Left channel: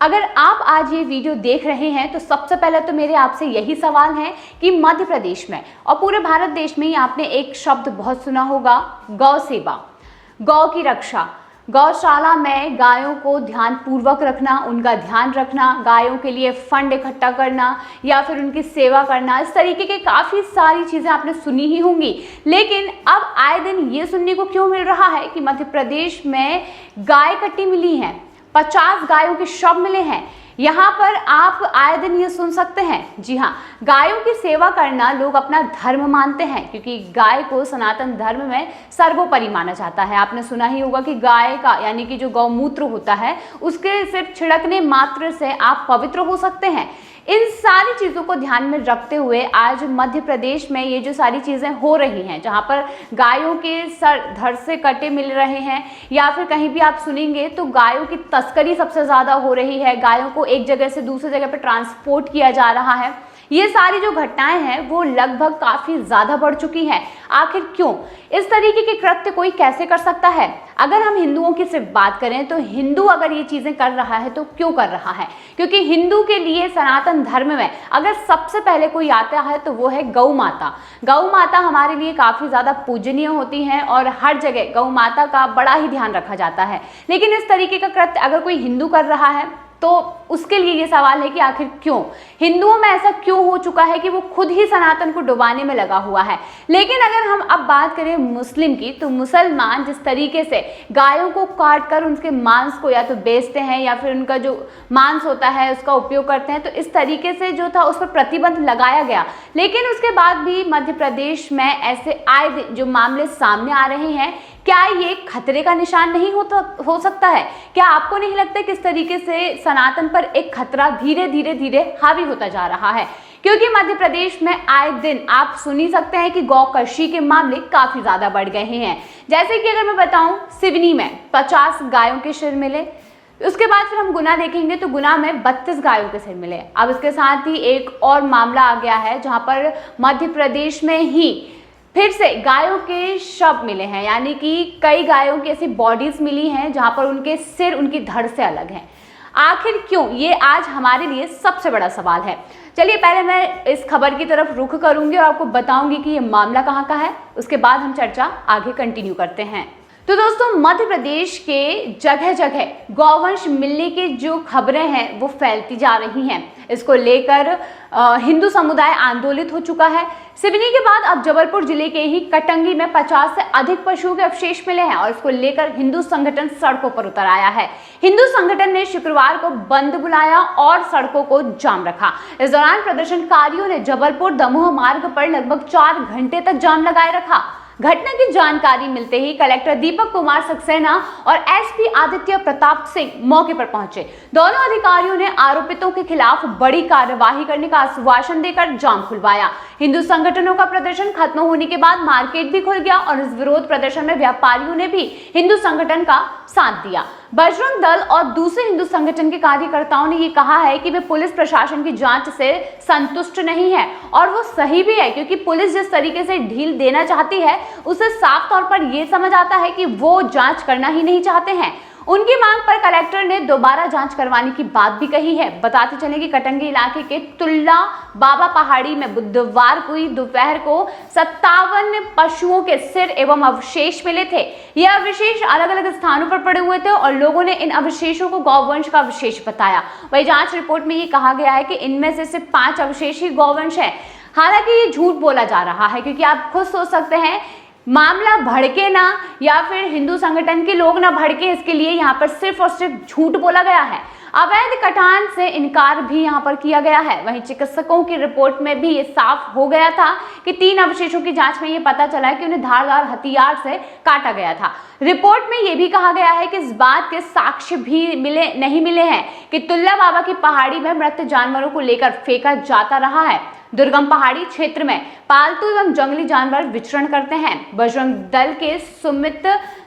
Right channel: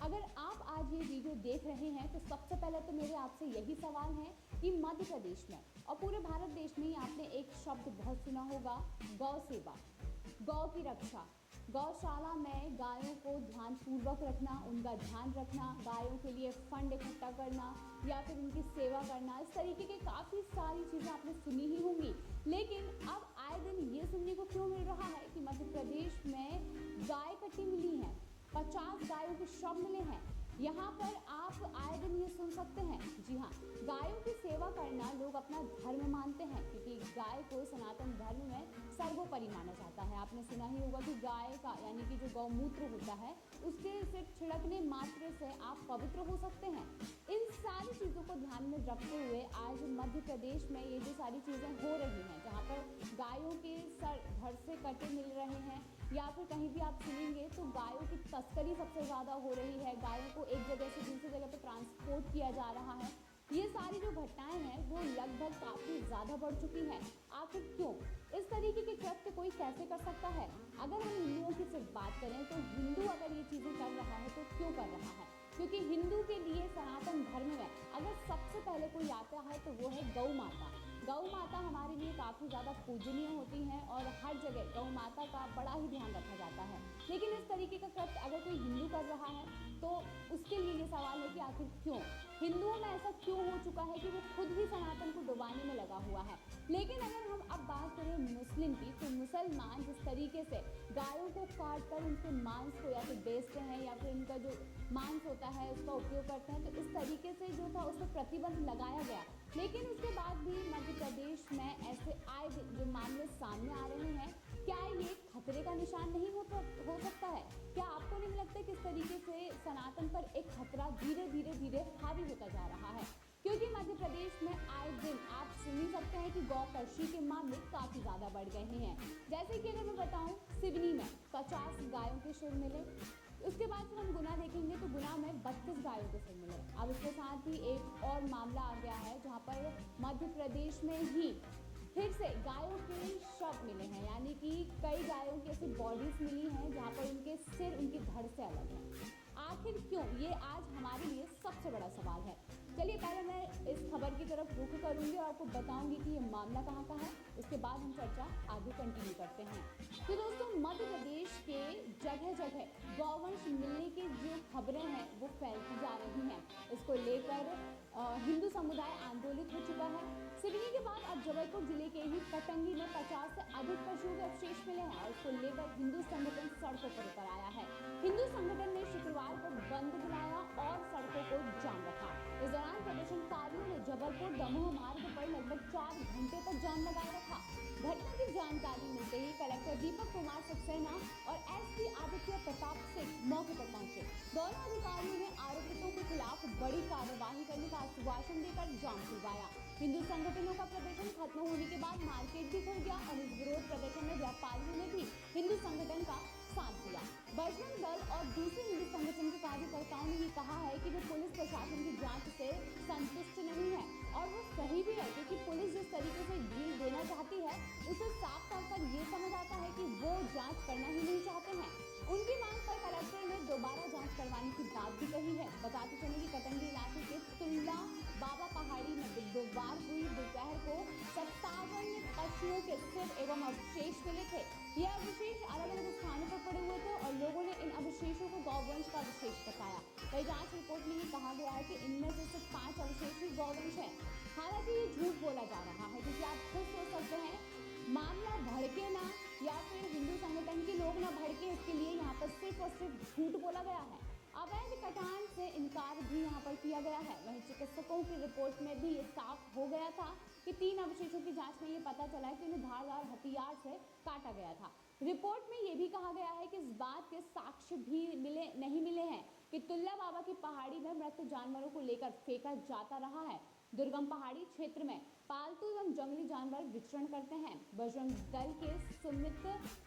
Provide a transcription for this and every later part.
अगर आप आज ये वीडियो देख रहे हैं तो सबसे पहले तो मेरे आपसे यही सवाल है कि मध्य प्रदेश में और पूरे भारत देश में ही आपने एक शब्द बहुत सुना होगा, गौ सेवा, गौ की रक्षा। गौशाला में गायों को ध्यान पूर्वक रखना, उनका ध्यान रखना, गायों के लिए फंड इकट्ठा करना या फिर उनकी सेवा करना, इस तरीके के काफ़ी सारी चीज़ें आपने सुनी ही होंगी। लेकिन अब आए दिन ये सुनने को क्यों मिल रहा है कि मध्य प्रदेश में गाय कट्टी मिली हैं, 50 गायों के शव मिले हैं। यहाँ पर आप आए दिन ये सुन सकते हैं। जी हाँ, गायों की सेवा करना लोग अपना धर्म मानते हैं, क्योंकि गाय को सनातन धर्म में सर्वोपरि माना जाता है। आपने सुना ही होगा कि गाय का यानी कि जो गौमूत्र होता है उसके सिर्फ छिड़कने मात्र से आप पवित्र हो सकते हैं। इन सारी चीज़ों को ध्यान में रखते हुए आज मध्य प्रदेश में ये जो सारी चीज़ें हो रही हैं, जहाँ पर गायों के सर धड़ से कटे मिल रहे हैं या फिर कहीं भी आप सुनेंगे तो गायों की तस्करी सबसे ज़्यादा हो रही है, गायों को एक जगह से दूसरी जगह पर ट्रांसपोर्ट किया जा रहा है, ये सारी जो घटनाएं हैं वो लगभग काफ़ी ज़्यादा बढ़ चुकी हैं। आखिर क्यों? इस तरीके के कृत्य कोई कैसे कर सकता है? अगर हम हिंदुओं की सिर्फ बात करें तो हिंदू अगर ये चीज़ें कर रहा है तो क्यों कर रहा है? क्योंकि हिंदू के लिए सनातन धर्म में अगर सबसे पहले कोई आता है तो वो है गौ माता। गौ माता हमारे लिए काफ़ी ज़्यादा पूजनीय होती हैं और हर जगह गौ माता का बड़ा ही ध्यान रखा जाता है। लेकिन इस तरीके का कृत्य अगर कोई हिंदू कर रहा है तो उसके लिए ये सवाल है कि आखिर क्यों? हिंदुओं में ऐसा क्यों हो चुका है कि वो खुद ही सनातन को डुबाने में लगा हुआ है। लेकिन अगर हम अब बात करें मुस्लिम की, तो मुसलमान जिस तरीके से गायों को काट कर उनके मांस को या तो बेचते हैं या फिर उनका जो मांस होता है उसका उपयोग करते हैं, तो इस तरीके से जो था उस पर प्रतिबंध लगाया गया। लेकिन उसके बाद भी मध्य प्रदेश में ऐसे आए दिन जो मामले सामने आ रहे हैं, क्या ये खतरे का निशान नहीं हो सकता है? क्या आपको नहीं लगता कि इस तरीके से सनातन पर एक खतरा धीरे धीरे हावी होता जा रहा है? क्योंकि मध्य प्रदेश में आए दिन आप सुन ही सकते हैं कि गौकशी के मामले काफी ज्यादा बढ़ गए हैं। जैसे कि अगर मैं बताऊं, सिवनी में 50 गायों के सिर मिले, उसके बाद फिर हम गुना देखेंगे तो गुना में 32 गायों के सिर मिले। अब इसके साथ ही एक और मामला आ गया है जहां पर मध्य प्रदेश में ही फिर से गायों के शव मिले हैं, यानी कि कई गायों की ऐसी बॉडीज मिली हैं जहां पर उनके सिर उनकी धड़ से अलग हैं। आखिर क्यों? ये आज हमारे लिए सबसे बड़ा सवाल है। चलिए पहले मैं इस खबर की तरफ रुख करूंगी और आपको बताऊंगी कि ये मामला कहाँ का है, उसके बाद हम चर्चा आगे कंटिन्यू करते हैं। तो दोस्तों, मध्य प्रदेश के जगह जगह गौवंश मिलने की जो खबरें हैं वो फैलती जा रही हैं। इसको लेकर हिंदू समुदाय आंदोलित हो चुका है। सिवनी के बाद अब जबलपुर जिले के ही कटंगी में 50 से अधिक पशुओं के अवशेष मिले हैं और इसको लेकर हिंदू संगठन सड़कों पर उतर आया है। हिंदू संगठन ने शुक्रवार को बंद बुलाया और सड़कों को जाम रखा। इस दौरान प्रदर्शनकारियों ने जबलपुर दमोह मार्ग पर लगभग 4 घंटे तक जाम लगाए रखा। घटना की जानकारी मिलते ही कलेक्टर दीपक कुमार सक्सेना और एसपी आदित्य प्रताप सिंह मौके पर पहुंचे। दोनों अधिकारियों ने आरोपितों के खिलाफ बड़ी कार्यवाही करने का आश्वासन देकर जाम खुलवाया। हिंदू संगठनों का प्रदर्शन खत्म होने के बाद मार्केट भी खुल गया और इस विरोध प्रदर्शन में व्यापारियों ने भी हिंदू संगठन का साथ दिया। बजरंग दल और दूसरे हिंदू संगठन के कार्यकर्ताओं ने ये कहा है कि वे पुलिस प्रशासन की जांच से संतुष्ट नहीं है और वो सही भी है, क्योंकि पुलिस जिस तरीके से ढील देना चाहती है उसे साफ तौर पर यह समझ आता है कि वो जांच करना ही नहीं चाहते हैं। उनकी मांग पर कलेक्टर ने दोबारा जांच करवाने की बात भी कही है। बताते चले कि कटंगी इलाके के तुल्ला बाबा पहाड़ी में बुधवार को दोपहर को 57 पशुओं के सिर एवं अवशेष मिले थे। यह अवशेष अलग अलग स्थानों पर पड़े हुए थे और लोगों ने इन अवशेषों को गौवंश का अवशेष बताया। वही जांच रिपोर्ट में ये कहा गया है कि इनमें से सिर्फ 5 अवशेष ही गौवंश है। हालांकि ये झूठ बोला जा रहा है, क्योंकि आप खुद सोच सकते हैं मामला भड़के ना या फिर हिंदू संगठन के लोग ना भड़के, इसके लिए यहाँ पर सिर्फ और सिर्फ झूठ बोला गया है। अवैध कटान से इनकार भी यहाँ पर किया गया है। वहीं चिकित्सकों की रिपोर्ट में भी ये साफ हो गया था कि 3 अवशेषों की जांच में ये पता चला है कि उन्हें धारदार हथियार से काटा गया था। रिपोर्ट में ये भी कहा गया है कि इस बात के साक्ष्य भी नहीं मिले हैं कि तुल्ला बाबा की पहाड़ी में मृत जानवरों को लेकर फेंका जाता रहा है। दुर्गम पहाड़ी क्षेत्र में पालतू एवं जंगली जानवर विचरण करते हैं। बजरंग दल के सुमित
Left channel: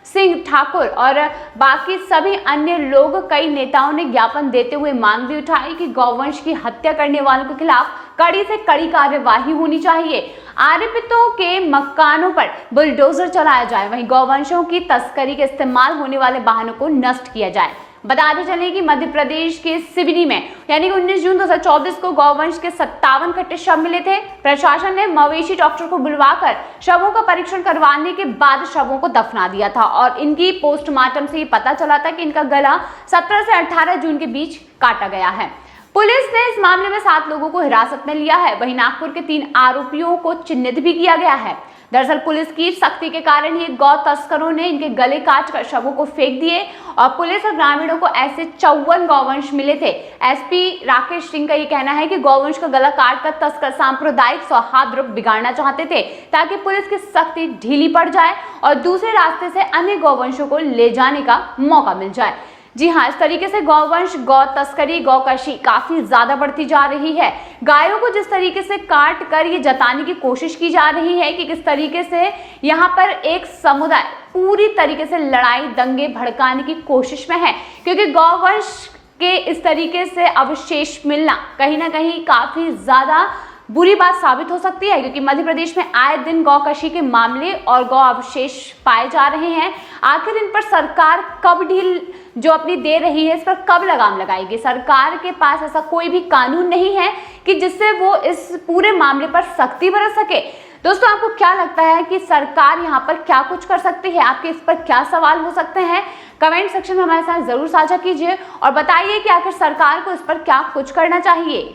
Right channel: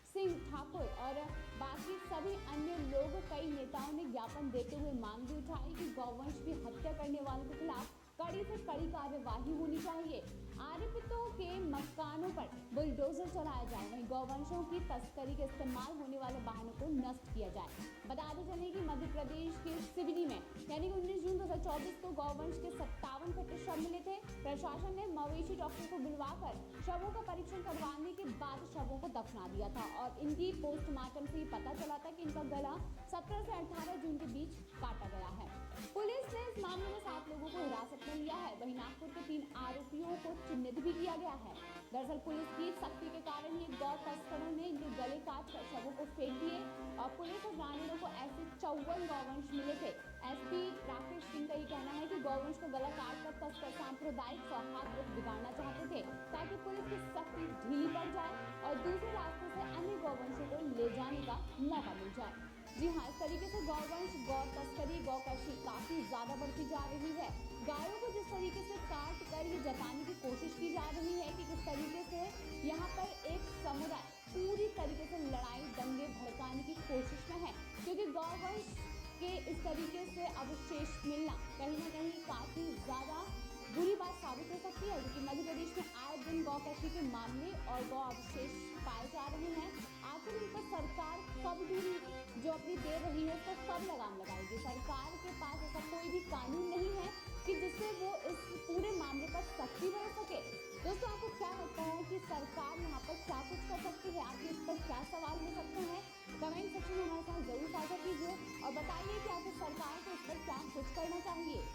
सिंह ठाकुर और बाकी सभी अन्य लोग, कई नेताओं ने ज्ञापन देते हुए मांग भी उठाई कि गौवंश की हत्या करने वालों के खिलाफ कड़ी से कड़ी कार्यवाही होनी चाहिए। आरोपितों के मकानों पर बुलडोजर चलाया जाए, वहीं गौवंशों की तस्करी के इस्तेमाल होने वाले वाहनों को नष्ट किया जाए। बताते चले कि मध्य प्रदेश के सिवनी में यानी कि 19 जून 2024 को गौवंश के 57 कट्टे शव मिले थे। प्रशासन ने मवेशी डॉक्टर को बुलवाकर शवों का परीक्षण करवाने के बाद शवों को दफना दिया था और इनकी पोस्टमार्टम से ये पता चला था कि इनका गला 17 से 18 जून के बीच काटा गया है। पुलिस ने इस मामले में 7 लोगों को हिरासत में लिया है। वहीं नागपुर के 3 आरोपियों को चिन्हित भी किया गया है। दरअसल पुलिस की सख्ती के कारण ही गौ तस्करों ने इनके गले काटकर शवों को फेंक दिए और पुलिस और ग्रामीणों को ऐसे 54 गौवंश मिले थे। एसपी राकेश सिंह का ये कहना है कि गौवंश का गला काटकर तस्कर सांप्रदायिक सौहार्द बिगाड़ना चाहते थे ताकि पुलिस की सख्ती ढीली पड़ जाए और दूसरे रास्ते से अन्य गौवंशों को ले जाने का मौका मिल जाए। जी हाँ, इस तरीके से गौवंश, गौ तस्करी, गौकशी काफी ज्यादा बढ़ती जा रही है। गायों को जिस तरीके से काट कर ये जताने की कोशिश की जा रही है कि किस तरीके से यहाँ पर एक समुदाय पूरी तरीके से लड़ाई दंगे भड़काने की कोशिश में है, क्योंकि गौवंश के इस तरीके से अवशेष मिलना कहीं ना कहीं काफी ज्यादा बुरी बात साबित हो सकती है, क्योंकि मध्य प्रदेश में आए दिन गौकशी के मामले और गौ अवशेष पाए जा रहे हैं। आखिर इन पर सरकार कब ढील जो अपनी दे रही है, इस पर कब लगाम लगाएगी? सरकार के पास ऐसा कोई भी कानून नहीं है कि जिससे वो इस पूरे मामले पर सख्ती बरत सके। दोस्तों, आपको क्या लगता है कि सरकार यहाँ पर क्या कुछ कर सकती है? आपके इस पर क्या सवाल हो सकते हैं? कमेंट सेक्शन में हमारे साथ जरूर साझा कीजिए और बताइए कि आखिर सरकार को इस पर क्या कुछ करना चाहिए।